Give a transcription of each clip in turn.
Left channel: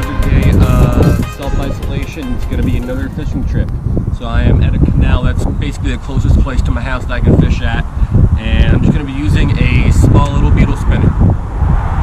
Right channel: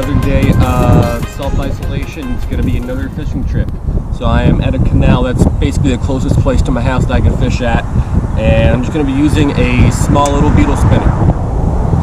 another day of self-isolation. It's going to be another fishing trip. So I am at a canal that's basically the closest place to my house that I can fish at, and I'm just going to be using a small little beetle spinner.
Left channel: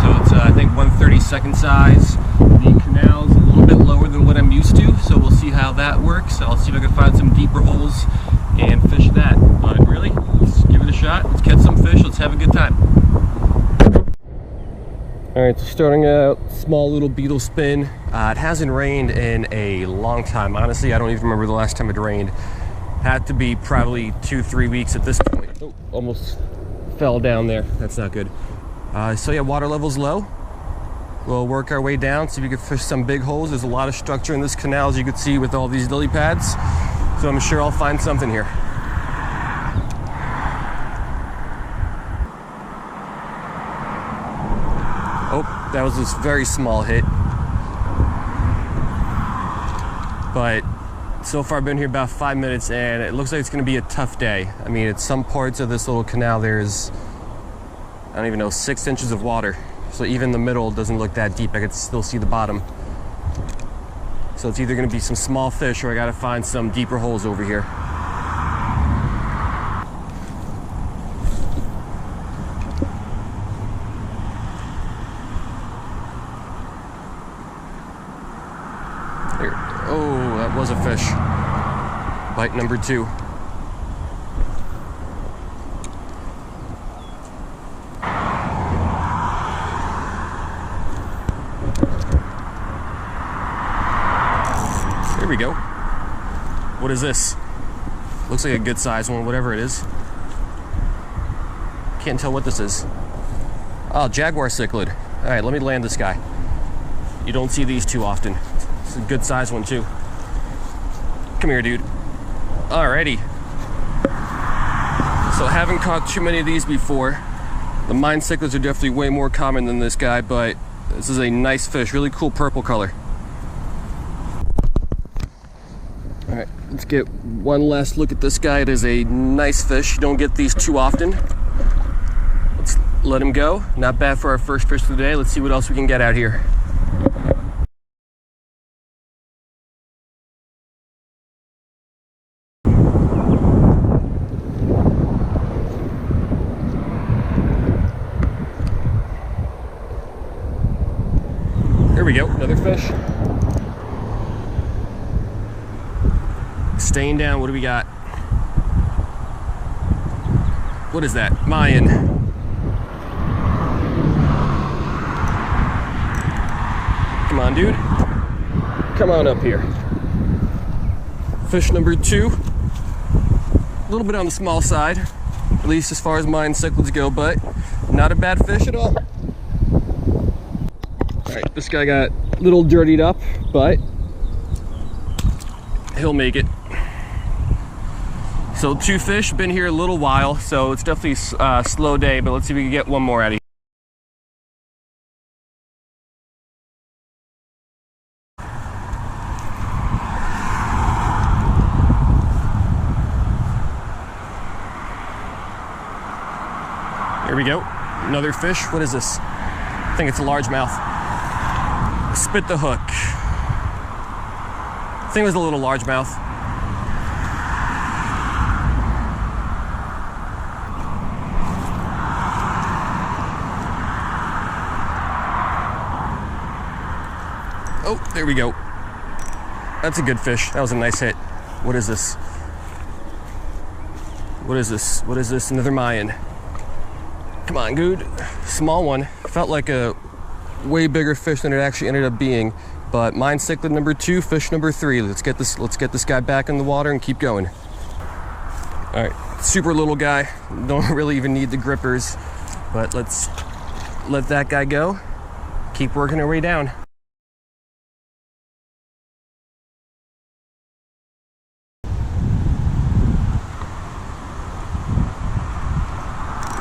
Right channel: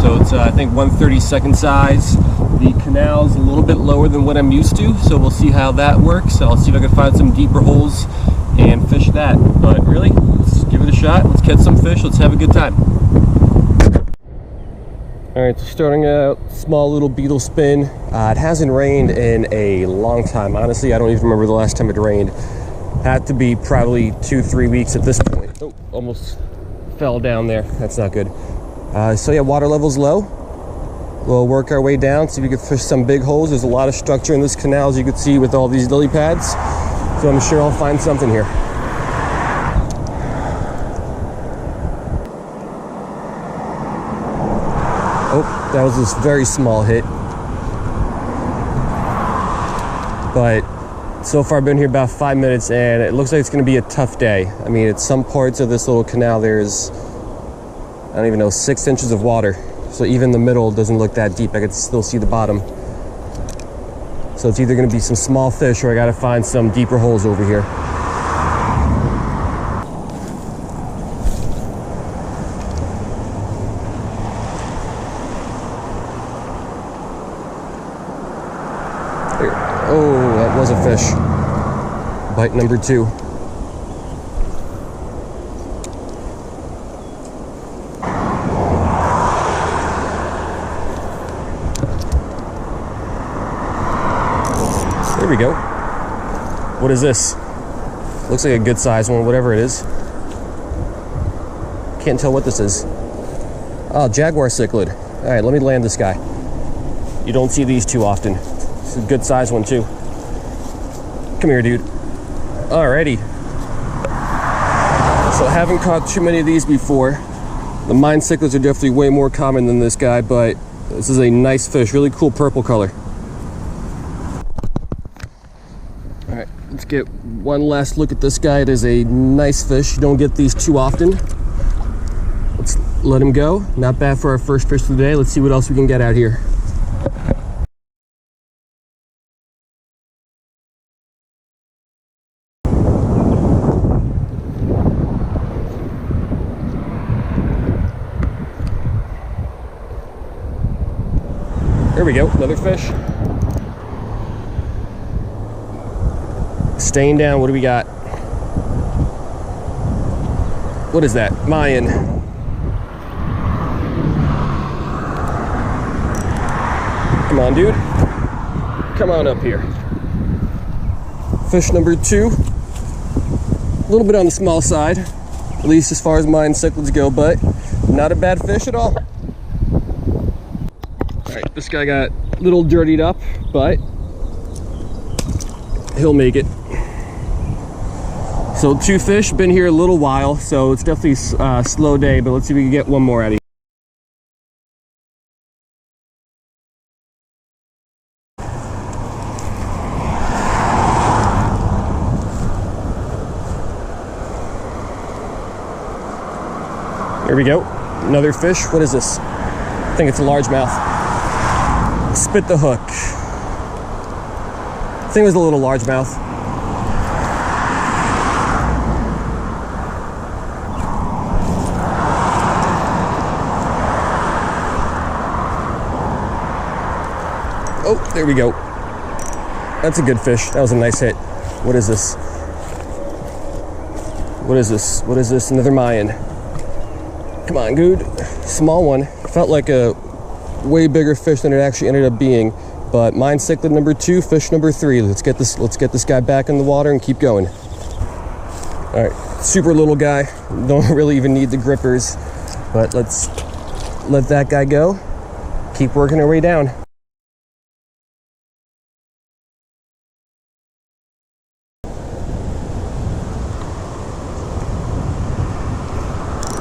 So it's I think 1/32 size. The canal's a little bit lower than what I'm used to, so we'll see how that works. I'll see if I can find some deeper holes and fish that. But really, let's give it a shot. Let's catch some fish. Let's have a good time. Alright, so starting out, small little beetle spin. It hasn't rained in a long time. Honestly, I don't even remember the last time it rained. Had to be probably 2-3 weeks at this point. Oh, almost fell down there. That's not good. So yeah, water level's low. We'll work our way down, see if we can fish some big holes. There's a lot of structure in this canal, as you can see, with all these lily pads. So I'm sure I'll find something here. Oh, that was this very small hit. But so far I've been here about 5 minutes and it looks like it's gonna be a tough day. I mean, at some parts of this little canal, there's, I don't even know, 6 inches of water. So even the middle doesn't look that deep. I could still see the bottom. So it's either gonna be some small fish or I gotta find some deeper holes over here. There. Oh, that was a fish. Bite number 2. There we go. What is this? Looks like a good size one, whatever it is. Can't tell what this is. Oh, jaguar cichlid. All right, let me land this guy. You don't see these too often. It's a good size one too. Come here, dude. Alrighty. So I haven't caught too many of these before. The mayan cichlids are definitely way more common than this guy, but this is a nice fish, really cool purple color. All right, let's get one last look at this guy. It is a nice fish. You don't get these too often. Let's let him go. Not bad for our first fish of the day. Let's see what else we can get out here. There we go, another fish. Staying down, what do we got? What is that? Mayan. Come on, dude. Come on up here. Fish number 2. A little bit on the small side, at least as far as mayan cichlids go, but not a bad fish at all. Alright, this guy got a little dirtied up, but he'll make it. So 2 fish, been here a little while, so it's definitely a slow day, but let's see if we can get one more out of here. Here we go, another fish. What is this? I think it's a largemouth. Spit the hook. I think it was a little largemouth. Oh, there we go. That's a good fish. That was a nice hit. What is this? What is this? What is this? Another Mayan. Come on, dude. Small one. Felt like a way bigger fish than it actually ended up being, but mayan cichlid number 2, fish number 3. Let's get this guy back in the water and keep going. All right, super little guy. Don't really even need the grippers, but let's let that guy go. Keep working our way down.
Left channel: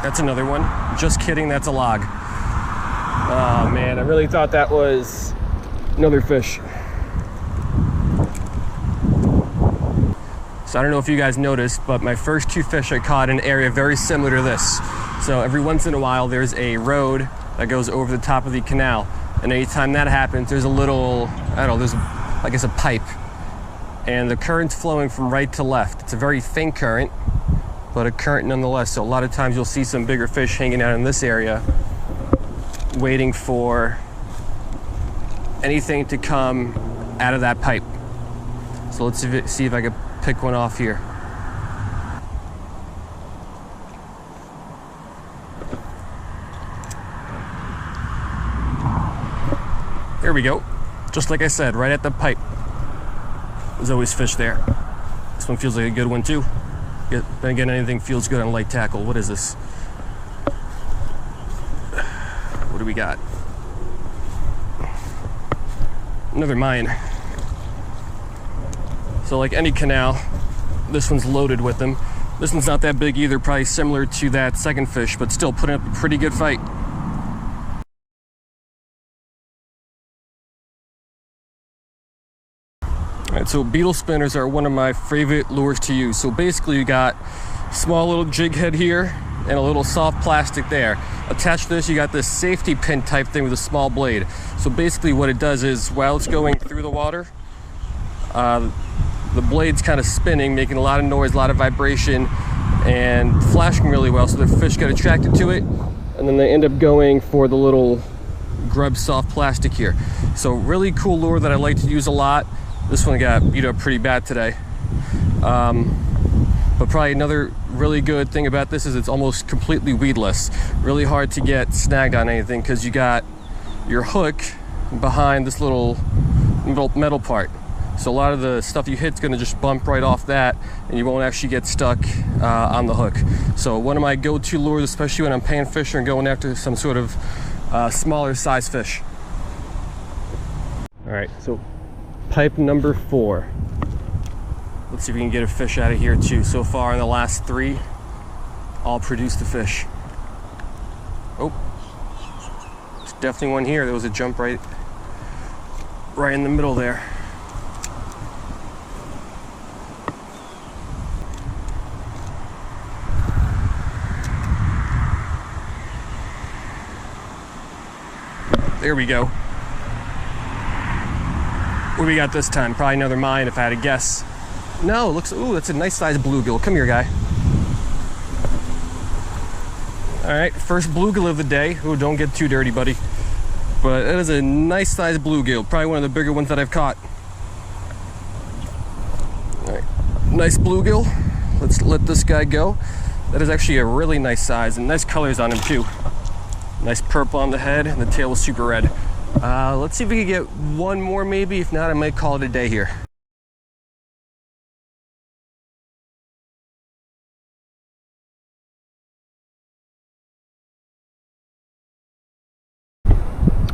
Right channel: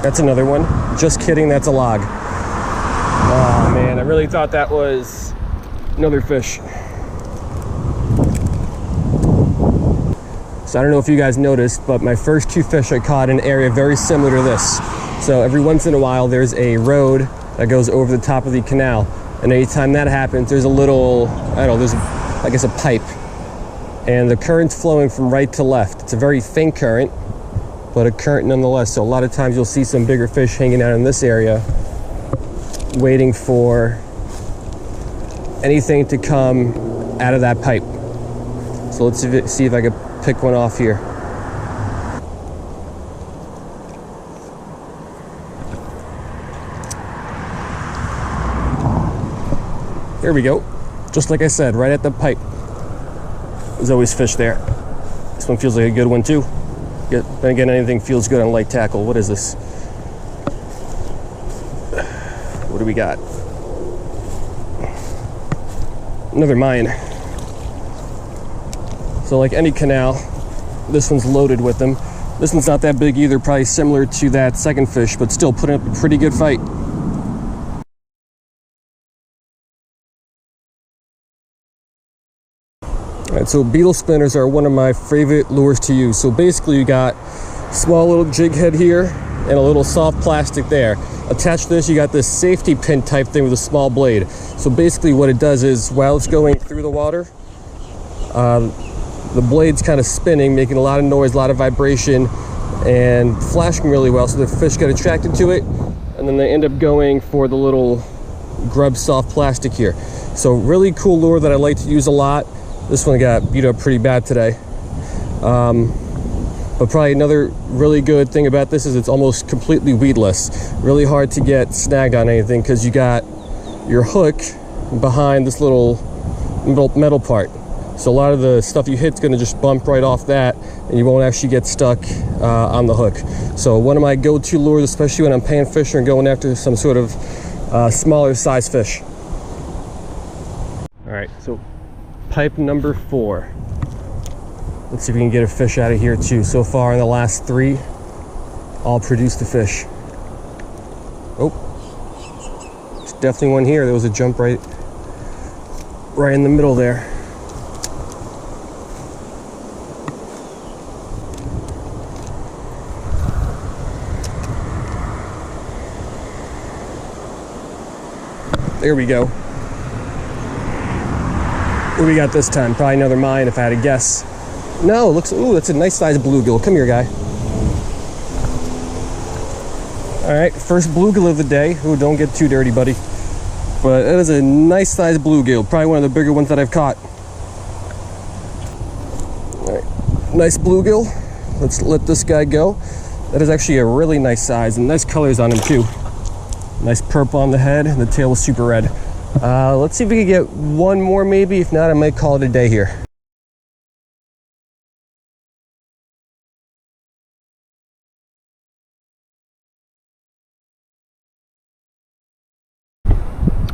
That's another one. Just kidding, that's a log. Oh man, I really thought that was another fish. So I don't know if you guys noticed, but my first 2 fish I caught in an area very similar to this. So every once in a while there's a road that goes over the top of the canal. And anytime that happens, there's a little, I don't know, there's, I guess, a pipe. And the current's flowing from right to left. It's a very faint current, but a current nonetheless. So a lot of times you'll see some bigger fish hanging out in this area, waiting for anything to come out of that pipe. So let's see if I can pick one off here. There we go. Just like I said, right at the pipe. There's always fish there. This one feels like a good one too. Then again, anything feels good on light tackle. What is this? What do we got? Another Mayan. So like any canal, this one's loaded with them. This one's not that big either, probably similar to that second fish, but still putting up a pretty good fight. All right, so beetle spinners are one of my favorite lures to use. So basically you got small little jig head here and a little soft plastic there. Attached to this, you got this safety pin type thing with a small blade. So basically what it does is, while it's going through the water, the blade's kind of spinning, making a lot of noise, a lot of vibration, and flashing really well, so the fish get attracted to it, and then they end up going for the little grub soft plastic here. So really cool lure that I like to use a lot. This one got beat up pretty bad today. But probably another really good thing about this is it's almost completely weedless. Really hard to get snagged on anything because you got your hook behind this little metal part. So a lot of the stuff you hit's gonna just bump right off that, and you won't actually get stuck on the hook. So one of my go-to lures, especially when I'm pan fishing and going after some sort of smaller size fish. All right, so pipe number 4. Let's see if we can get a fish out of here too. So far in the last 3, all produced a fish. Oh, there's definitely one here. There was a jump right in the middle there. There we go. What do we got this time? Probably another Mayan if I had to guess. No, looks, ooh, that's a nice sized bluegill. Come here, guy. All right, first bluegill of the day. Ooh, don't get too dirty, buddy. But it is a nice sized bluegill. Probably one of the bigger ones that I've caught. All right, nice bluegill. Let's let this guy go. That is actually a really nice size and nice colors on him too. Nice purple on the head and the tail was super red. Let's see if we can get one more maybe. If not, I might call it a day here.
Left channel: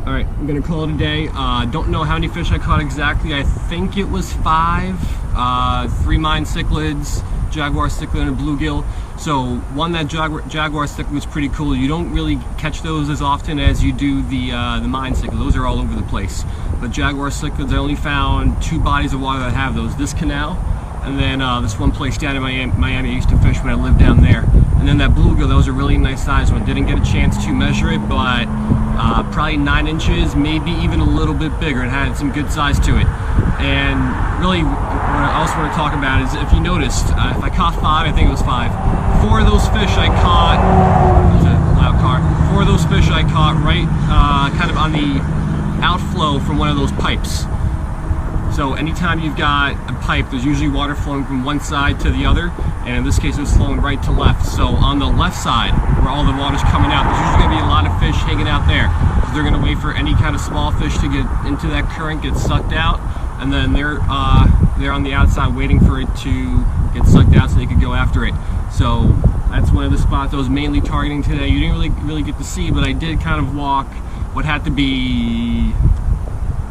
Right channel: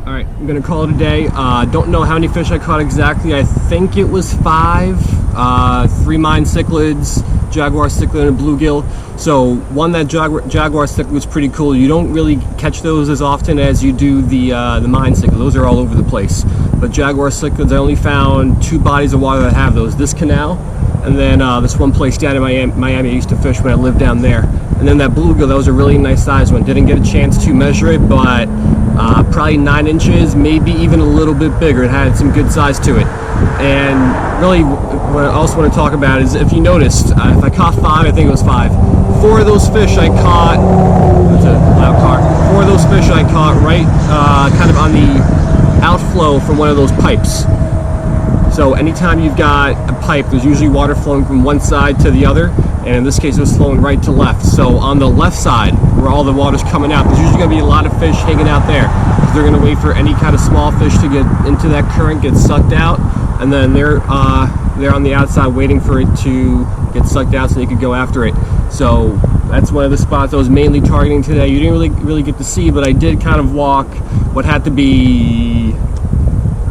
All right, I'm gonna call it a day. Don't know how many fish I caught exactly. I think it was 5, 3 Mayan cichlids, jaguar cichlid, and a bluegill. So one, that jaguar cichlid was pretty cool. You don't really catch those as often as you do the Mayan cichlid. Those are all over the place. But jaguar cichlids, I only found 2 bodies of water that have those. This canal, and then this one place down in Miami I used to fish when I lived down there. And then that bluegill, that was a really nice size one. Didn't get a chance to measure it, but probably 9 inches, maybe even a little bit bigger. It had some good size to it. And really, what I also want to talk about is, if you noticed, if I caught 5, I think it was 5. 4 of those fish I caught, that's a loud car. 4 of those fish I caught right kind of on the outflow from one of those pipes. So anytime you've got a pipe, there's usually water flowing from one side to the other, and in this case it was flowing right to left. So on the left side, where all the water's coming out, there's usually going to be a lot of fish hanging out there, because they're going to wait for any kind of small fish to get into that current, get sucked out, and then they're on the outside waiting for it to get sucked out so they could go after it. So that's one of the spots I was mainly targeting today. You didn't really get to see, but I did kind of walk what had to be,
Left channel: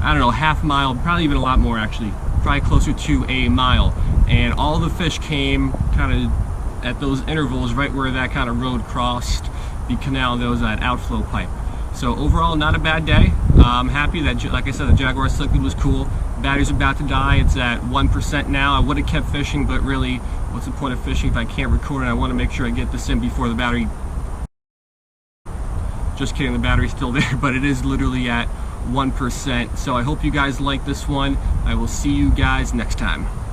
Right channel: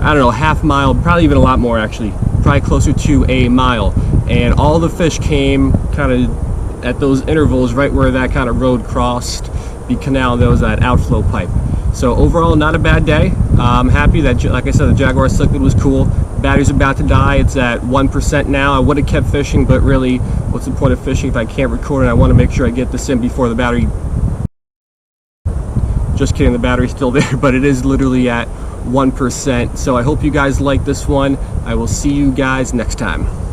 I don't know, half mile, probably even a lot more actually, probably closer to a mile. And all the fish came kind of at those intervals right where that kind of road crossed the canal. There was that outflow pipe. So overall, not a bad day. I'm happy that, like I said, the jaguar cichlid was cool. Battery's about to die. It's at 1% now. I would have kept fishing, but really, what's the point of fishing if I can't record? And I want to make sure I get this in before the battery. Just kidding, the battery's still there, but it is literally at 1%. So I hope you guys like this one. I will see you guys next time.